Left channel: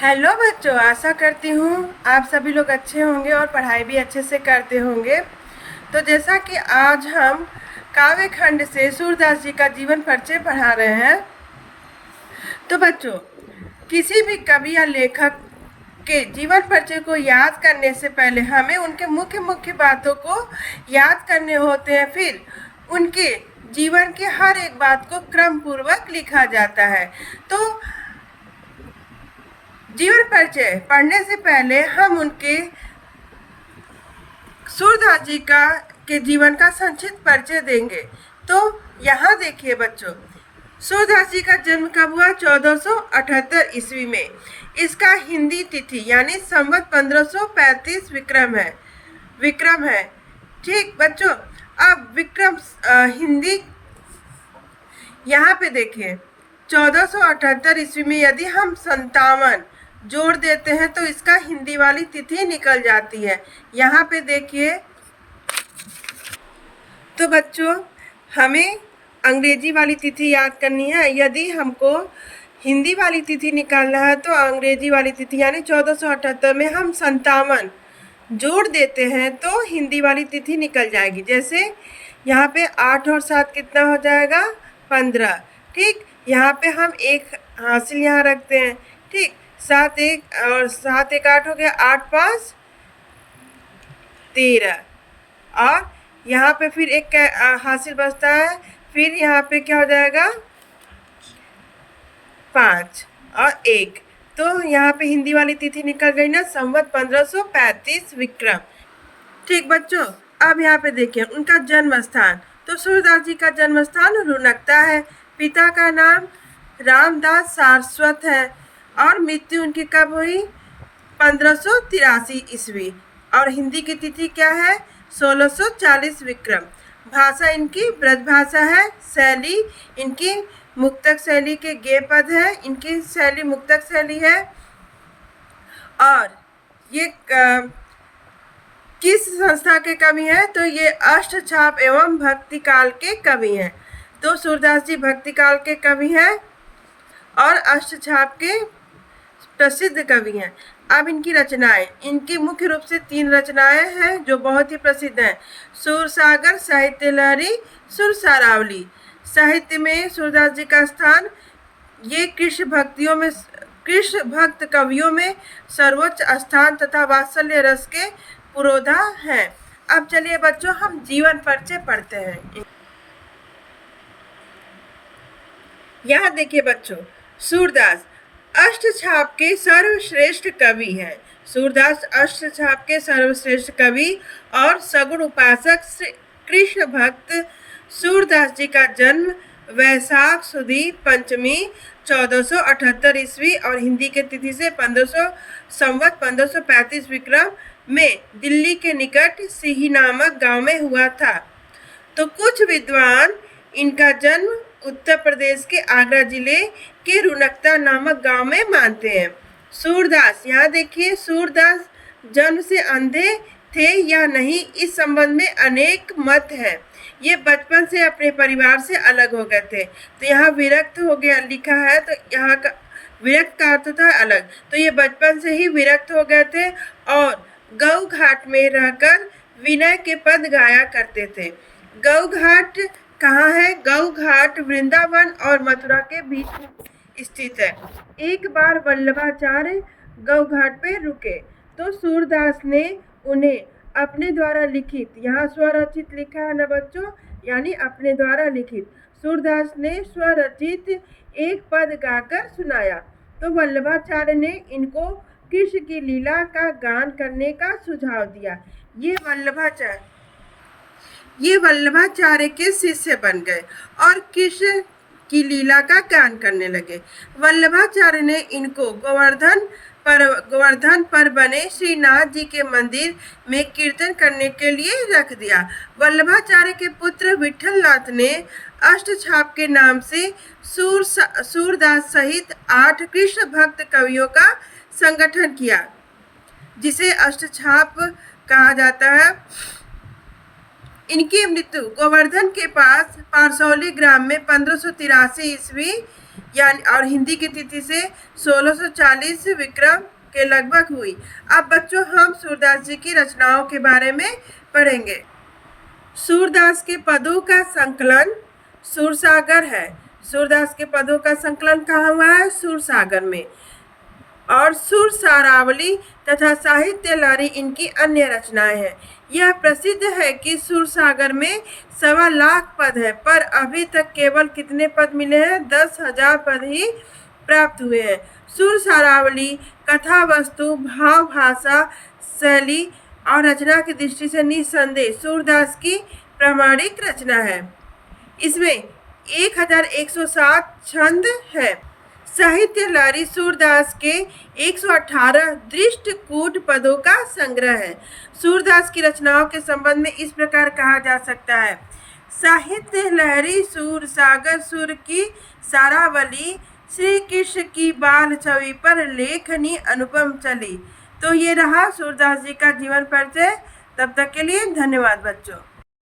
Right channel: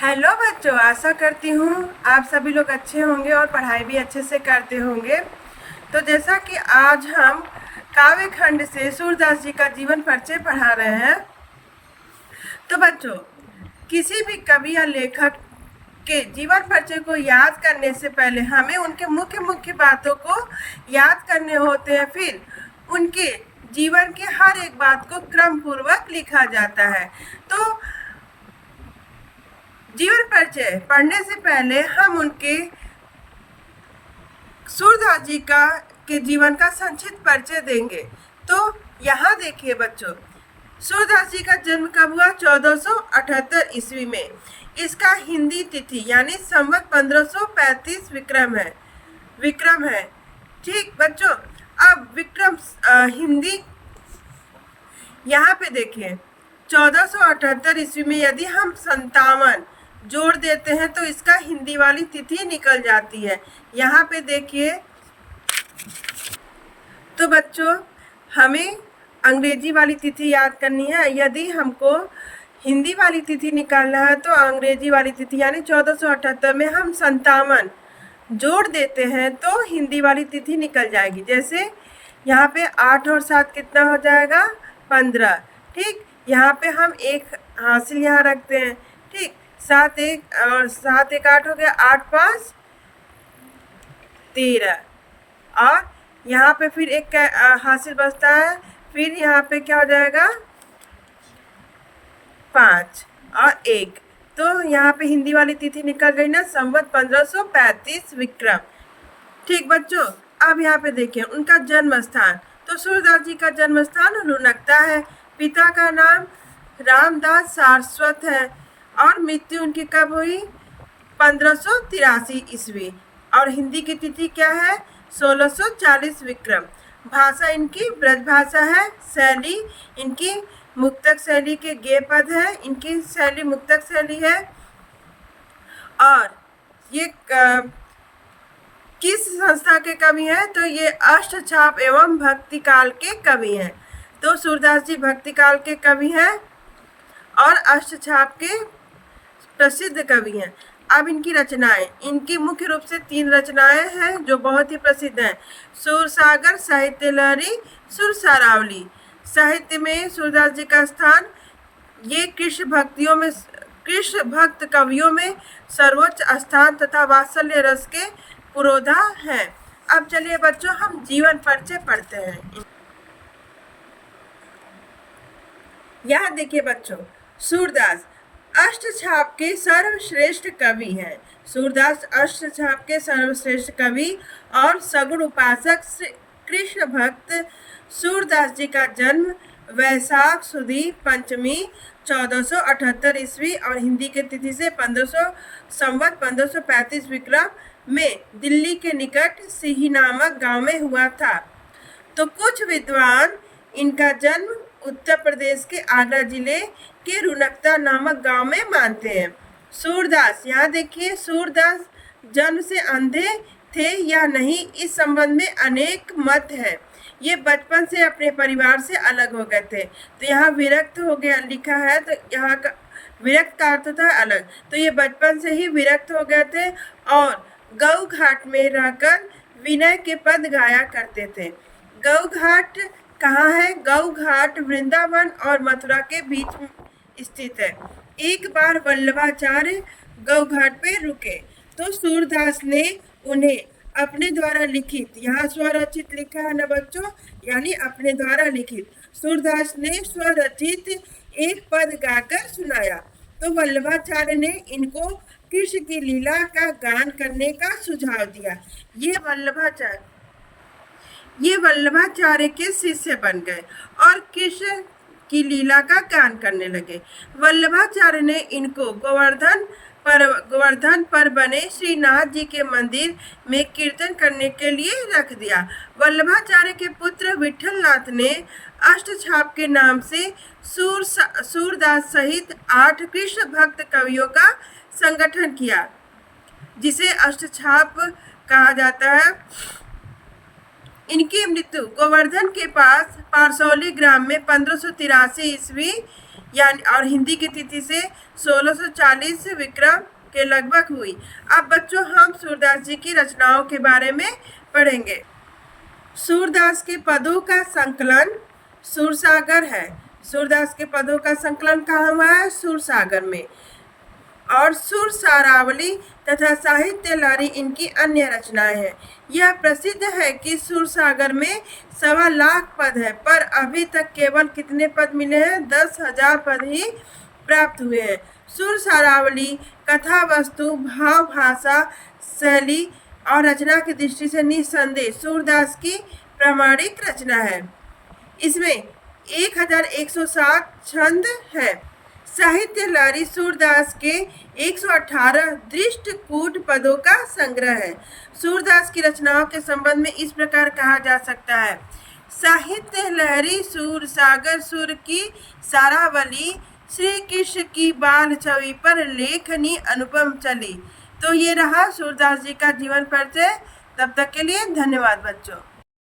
Hello बच्चों, आशा करती हूँ आप सभी लोग अच्छे होंगे और पढ़ाई भी अच्छे से करते होंगे। तो जैसा कि आज हम काव्य खंड से सूरदास जी का जीवन परिचय पढ़ा रहे हैं, तो बच्चों किसी भी कवि या लेखक के जीवन परिचय को याद करने से पहले हमें उनके मुख्य मुख्य बातों को याद करने होते हैं। फिर उनके जीवन के हर एक बात को क्रम पूर्वक लिखा जाता है। तो जीवन परिचय पढ़ने से पहले हम उनके सूरदास जी का के जीवन का संक्षिप्त परिचय देंगे। तो यहाँ देखिए बच्चों, सूरदास जी का जन्म कब हुआ? 1478 ईस्वी में। इसका हिंदी तिथि यानी संवत 1535 विक्रम है। ठीक बच्चों, अब विक्रम हिंदी यहाँ पे देखिए 1478 ईस्वी में यदि हम 57 जोड़ देते हैं तो इसका हिंदी वाली तिथि निकल जाती है। यहाँ पे देखिए, तो बच्चों हमें अंग्रेजी वाली तिथि याद करनी है। यदि हमको हिंदी वाली तिथि निकालना है तो अंग्रेजी वाली तिथि यानी 1478 में हम 57 जोड़ देते हैं तो हिंदी वाली तिथि निकल जाएगी। जैसे यहाँ पे 8 और 7 कितना हो जाएगा? 15। ठीक, यहाँ पे हम एक हासिल यहाँ रखते हैं। ठीक, 7 1 8 हो गया, 8 5 13 और यहाँ पे फिर एक हासिल बचता है। फिर यहाँ पे क्या हो जाएगा? 5 और 1। तो यहाँ पे हिंदी वाली तिथि निकल गई ना, संवत 1535 विक्रम। ठीक बच्चों, अब यहाँ पे देखिए उनका जन्म स्थान। तो सूरदास जी का जन्म स्थान रुनकता है। पिता का नाम रामदास सारस्वत है और मृत्यु उनकी कब हुई? 1583 ईस्वी। और हिंदी की तिथि क्या है? 1640 विक्रम। भाषा इनकी ब्रज भाषा है। शैली इनकी मुक्तक शैली के गेय पद है। इनकी शैली मुक्तक शैली है। और ये किस संस्था के कवि हैं? तो ये अष्टछाप एवं भक्ति काल के कवि हैं। तो सूरदास जी भक्ति काल के कवि हैं और अष्टछाप के प्रसिद्ध कवि हैं। अब इनकी रचनाएं, इनकी मुख्य रूप से 3 रचनाएं हैं जो बहुत ही प्रसिद्ध हैं। सूरसागर, साहित्य लहरी, सुरसारावली। साहित्य में सूरदास जी का स्थान, ये कृष्ण भक्त कवियों में सर्वोच्च स्थान तथा वात्सल्य रस के पुरोधा हैं। अब चलिए बच्चों हम जीवन परिचय पढ़ते हैं। यहाँ देखिए बच्चों, सूरदास अष्टछाप के सर्वश्रेष्ठ कवि हैं। सूरदास अष्टछाप के सर्वश्रेष्ठ कवि और सगुण उपासक कृष्ण भक्त सूरदास जी का जन्म वैशाख सुदी पंचमी 1478 ईस्वी और हिंदी के तिथि से 1535 विक्रम में दिल्ली के निकट सिही नामक गांव में हुआ था। तो कुछ विद्वान इनका जन्म उत्तर प्रदेश के आगरा जिले के रुनकता नामक गांव में मानते हैं। सूरदास, यहाँ देखिए, सूरदास जन्म से अंधे थे या नहीं, इस संबंध में अनेक मत है। ये बचपन से अपने परिवार से अलग हो गए थे। तो यहाँ विरक्त हो गया लिखा है, तो यहाँ का विरक्त का अर्थ था अलग। तो ये बचपन से ही विरक्त हो गए थे और गौ घाट में रहकर विनय के पद गाया करते थे। गौ घाट कहाँ है? गौ घाट वृंदावन और मथुरा के बीच में स्थित है। एक बार वल्लभाचार्य गौ घाट पे रुके तो सूरदास ने उन्हें अपने द्वारा लिखित, यहाँ स्वरचित लिखा है ना बच्चों, यानी अपने द्वारा लिखित, सूरदास ने स्वरचित एक पद गाकर सुनाया। तो वल्लभाचार्य ने इनको कृष्ण की लीला का गान करने का सुझाव दिया। ये वल्लभाचार्य के शिष्य बन गए और कृष्ण की लीला का गान करने लगे। वल्लभाचार्य ने इनको गोवर्धन पर बने श्रीनाथ जी के मंदिर में कीर्तन करने के लिए रख दिया। वल्लभाचार्य के पुत्र विठलनाथ ने अष्टछाप के नाम से सूरदास सहित 8 कृष्ण भक्त कवियों का संगठन किया, जिसे अष्टछाप कहा जाता है। इनकी मृत्यु गोवर्धन के पास पारसौली ग्राम में 1583 ईस्वी यानी और हिंदी की तिथि से 1640 विक्रम के लगभग हुई। अब बच्चों हम सूरदास जी की रचनाओं के बारे में पढ़ेंगे। सूरदास के पदों का संकलन सूरसागर है। सूरदास के पदों का संकलन कहाँ हुआ है? सूरसागर में। और सुर सारावली तथा साहित्य लहरी इनकी अन्य रचनाएं हैं। यह प्रसिद्ध है कि सूरसागर में 1.25 लाख पद है, पर अभी तक केवल कितने पद मिले हैं? 10,000 पद ही प्राप्त हुए हैं। सुर सारावली कथा वस्तु, भाव, भाषा, शैली और रचना की दृष्टि से निस्संदेह सूरदास की प्रामाणिक रचना है। इसमें 1107 छंद है। साहित्य लहरी सूरदास के 118 दृष्टकूट पदों का संग्रह है। सूरदास की रचनाओं के संबंध में इस प्रकार कहा जा सकता है। साहित्य लहरी सूर सागर सुर की सारावली, श्री कृष्ण की बाल छवि पर लेखनी अनुपम चली। तो ये रहा सूरदास जी का जीवन परिचय। तब तक के लिए धन्यवाद बच्चों।